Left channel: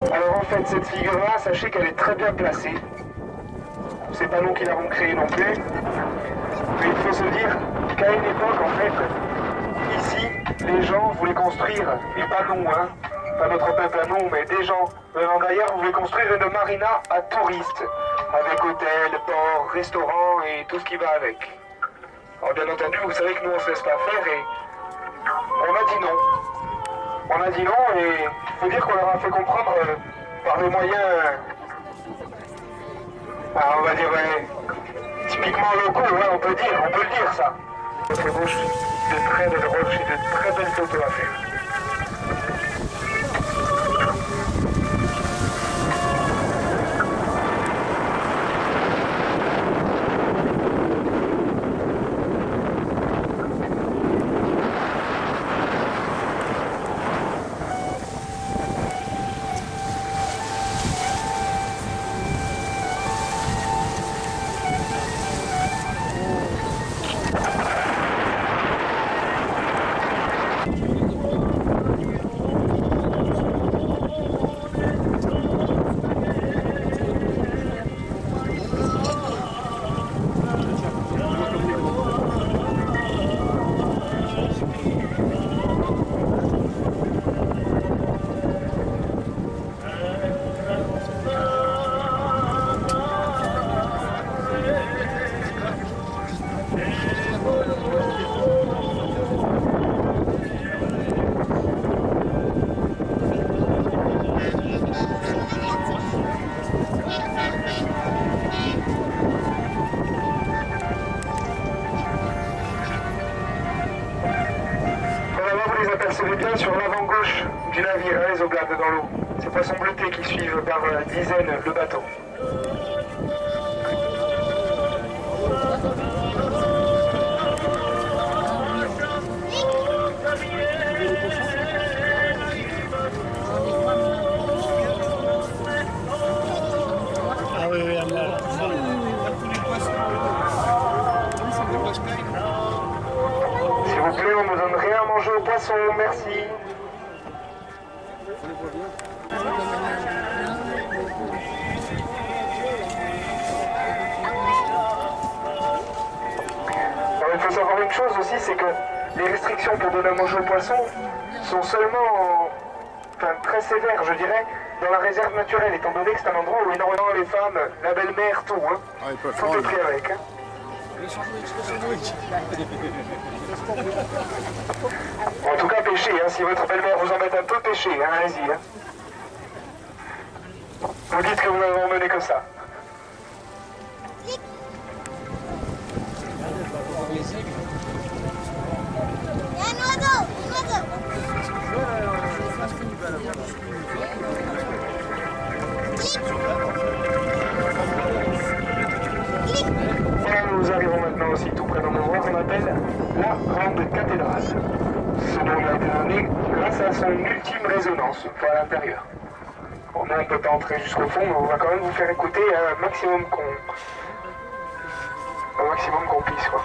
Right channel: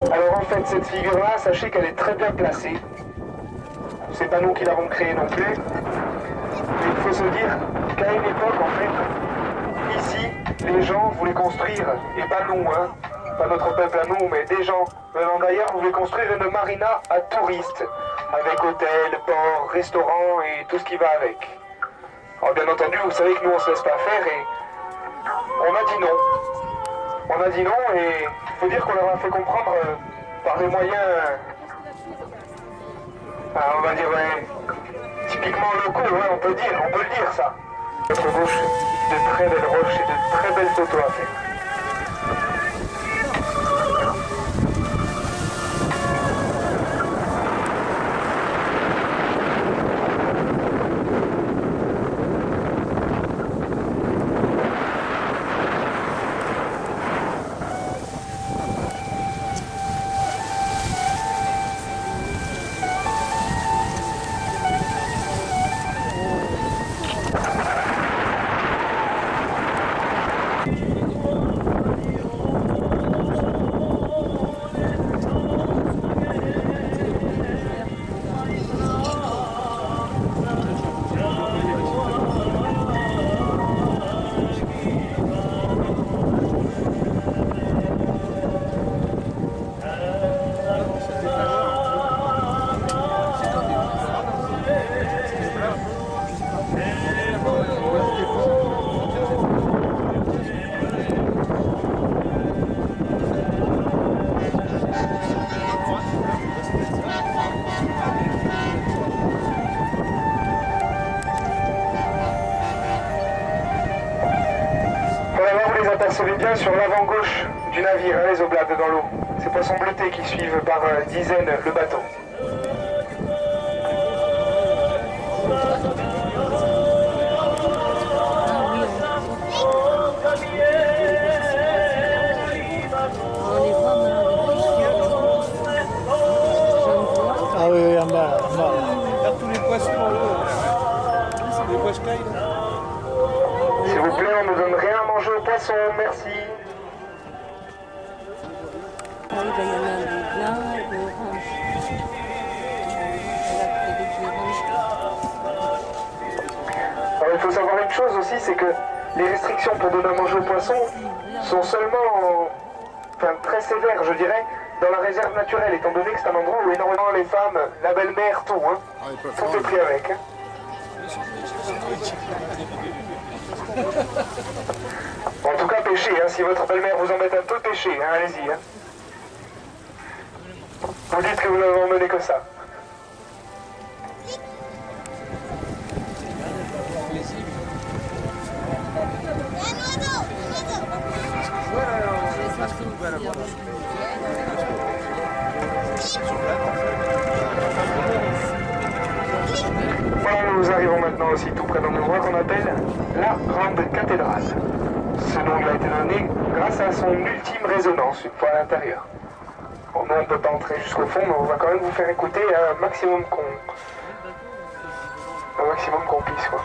Alors en fait, cette figure-là, sachez qu'elle est très bien placée. C'est pas nous qui l'avons créée non plus. Mais il faut se dire qu'à une époque, en fait, ici, les gens voulaient construire, et pas nous, hein, pas notre peuple à nous, mais des gens venant d'ailleurs voulaient construire une marina à touristes, avec hôtel, port, restaurant et tout ce qui va avec. Alors bien entendu, vous savez que nous on se laisse pas faire et on a dit non. On a dit non et il faut dire qu'on leur a fait comprendre par des moyens, on va dire typiquement locaux, ouais, on peut le dire ça. Notre gauche, de très belles roches et de très belles photos à faire. Apercevez bien sur l'avant gauche du navire, hein, les oblades dans l'eau. Ces poissons bleutés qui suivent par dizaines le bateau. Ah oui, oui, en bas. Tous les poissons dans l'eau. C'est des poissons. S'il vous plaît, on ne donne rien à manger aux poissons, merci. Alors il faut savoir une chose aussi, c'est que les restrictions pour donner à manger aux poissons sont seulement, très sévères, je dirais, dans la réserve naturelle, étant donné que c'est un endroit où énormément les femmes, la belle-mère, tout, hein, tout est pris avec. Hein. En tout cas, pêchez, hein, si votre belle-mère vous embête un peu, pêchez, hein, allez-y. Hein. Vous dites que vous n'avez emmené que ça. Voilà, nous arrivons maintenant aussi tout près d'un endroit qu'on appelle la Grande Cathédrale. Ce nom lui a été donné grâce à son ultime résonance une fois à l'intérieur. Bon, nous on ne peut pas entrer jusqu'au fond, mais on va quand même vous faire écouter un maximum qu'on puisse, quoi.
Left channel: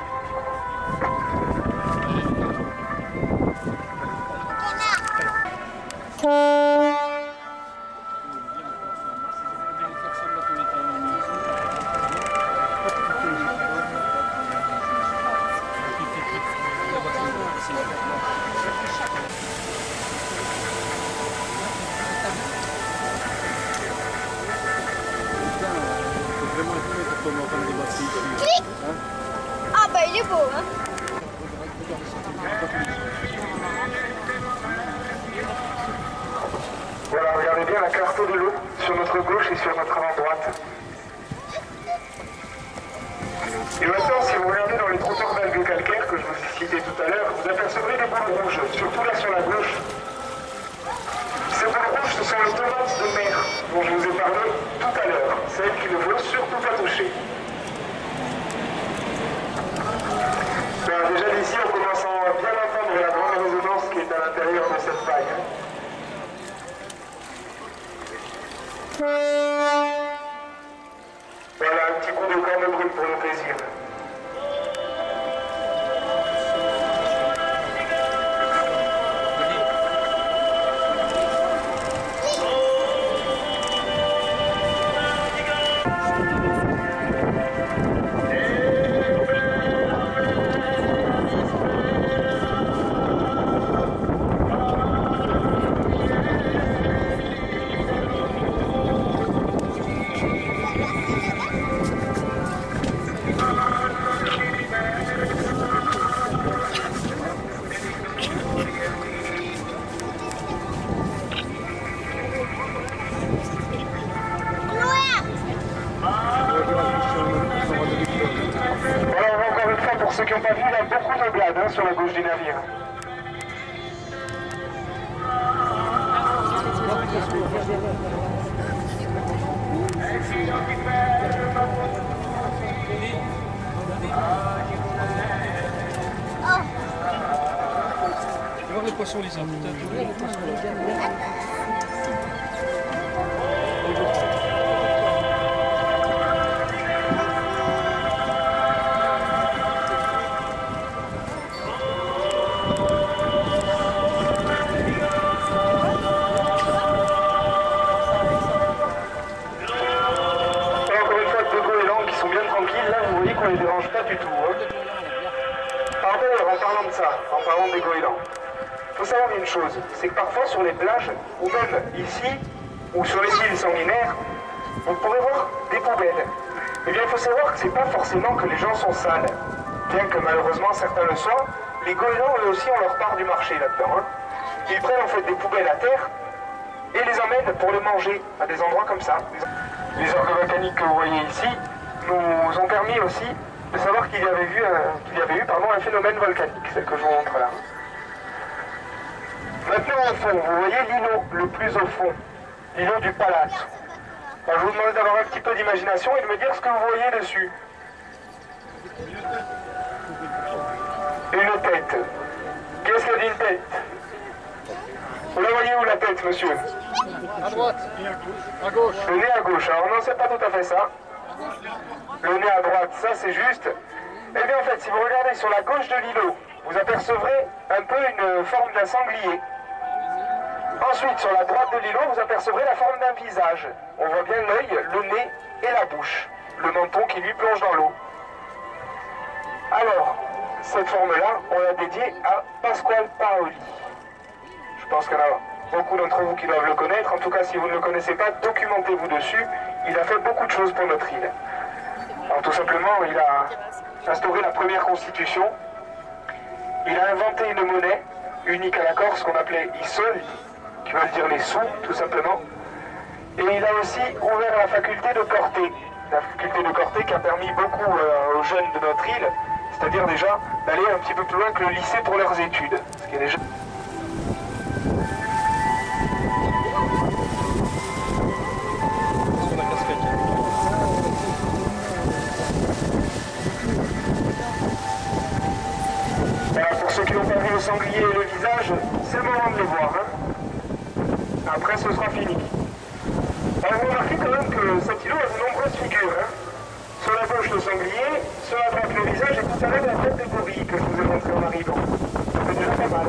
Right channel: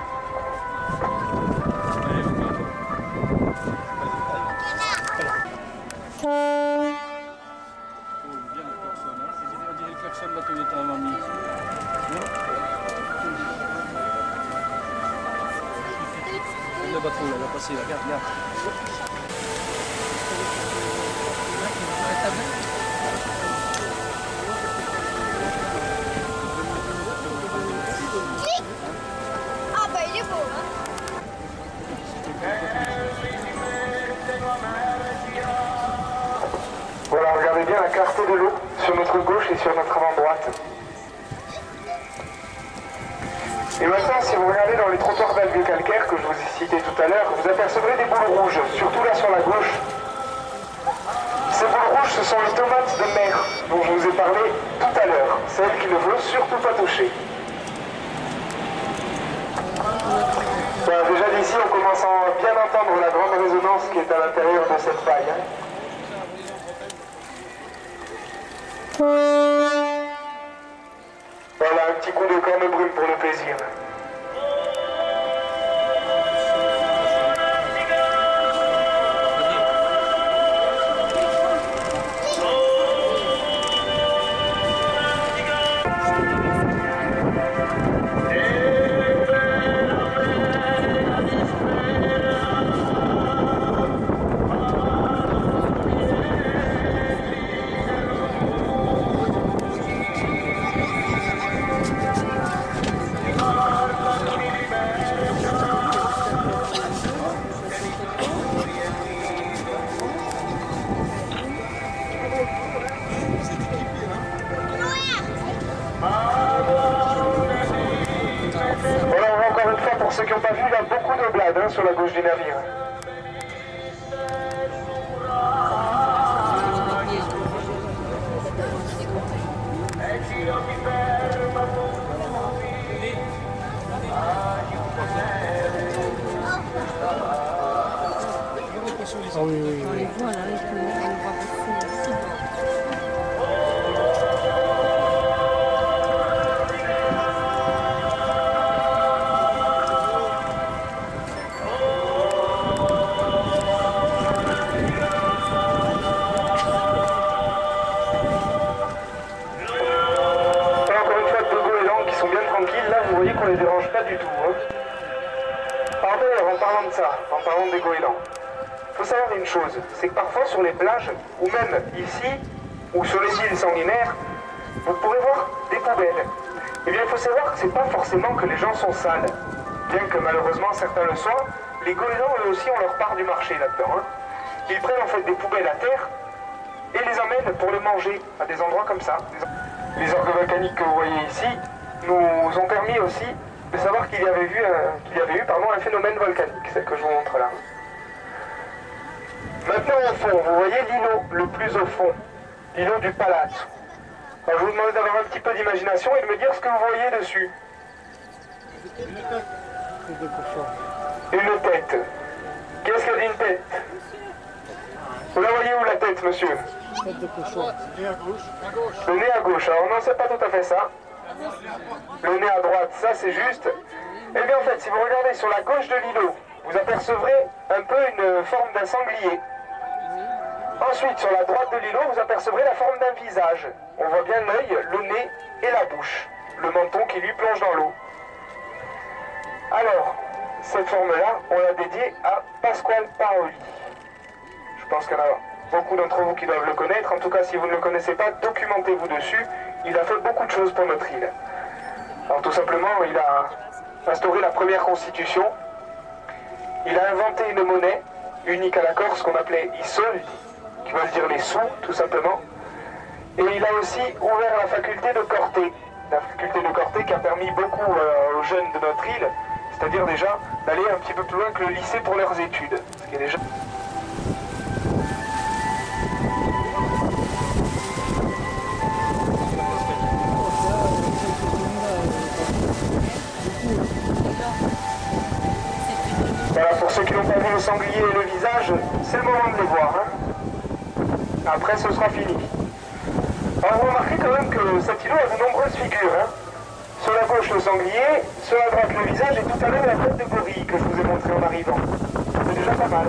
Ah bah il est beau, hein. Voilà, regardez bien la clarté de l'eau sur notre gauche et sur notre avant-droite. Et maintenant, si vous regardez dans les trottoirs d'algues calcaires que je vous ai cités tout à l'heure, vous apercevrez des boules rouges, surtout là sur la gauche. Ces boules rouges, ce sont les tomates de mer dont je vous ai parlé tout à l'heure, celles qu'il ne faut surtout pas toucher. Voilà, déjà d'ici, on commence à bien entendre la grande résonance qui est à l'intérieur de cette paille. Hein. Voilà, un petit coup de corne brûle pour le plaisir. l'un sur la gauche du navire. Voir les poissons, Lisa. On les dérange pas du tout. Hein. En parlant de ça, en parlant des goélands, il faut savoir une chose, c'est que parfois sur les plages, ou même ici, ou sur les îles sanguinaires, vous pourrez voir des poubelles. Eh bien, il faut savoir que c'est pas forcément que les gens sont sales. Bien que malheureusement certains le soient, les goélands eux aussi ont leur part du marché là-dedans. Hein. Ils prennent en fait des poubelles à terre et les emmènent pour les manger à des endroits comme ça. Les orgues volcaniques que vous voyez ici nous ont permis aussi de savoir qu'il y avait eu un phénomène volcanique, celle que je vous montre là. Maintenant au fond, vous voyez l'îlot le plus au fond, l'îlot du Palazzo. Alors, je vous demande d'avoir un petit peu d'imagination et de me dire ce que vous voyez dessus. Une tête. Qu'est-ce qu'il y a d'une tête? Vous la voyez où la tête, monsieur? À droite et à gauche. À gauche. Le nez à gauche. Alors non, c'est pas tout à fait ça. Le nez à droite, ça c'est juste. Eh bien en fait, si vous regardez sur la gauche de l'îlot, vous apercevrez un peu une forme d'un sanglier. Ensuite, sur la droite de l'îlot, vous apercevrez la forme d'un visage. On voit bien l'œil, le nez et la bouche. Le menton qui lui plonge dans l'eau. Alors, cette forme-là, on l'a dédiée à Pasquale Paoli. Je pense qu'il y en a beaucoup d'entre vous qui doivent le connaître. En tout cas, si vous ne le connaissez pas, documentez-vous dessus. Il a fait beaucoup de choses pour notre île. Alors tout simplement, il a instauré la première constitution. Il a inventé une monnaie unique à la Corse qu'on appelait i soldi, qui veut dire les sous, tout simplement. Et il a aussi ouvert la faculté de Corté. La faculté de Corté qui a permis beaucoup aux jeunes de notre île, c'est-à-dire déjà d'aller un petit peu plus loin que le lycée pour leurs études. Ce qui est déjà... Voilà, pour ceux qui n'ont pas vu le sanglier et le visage, c'est le moment de les voir. Hein. Après, ce sera fini. Alors, vous remarquez quand même que cet îlot a de nombreuses figures. Hein. Sur la gauche, le sanglier, sur la droite, le visage, et tout à l'heure, la tête de gorille que je vous ai montré en arrivant. C'est déjà pas mal.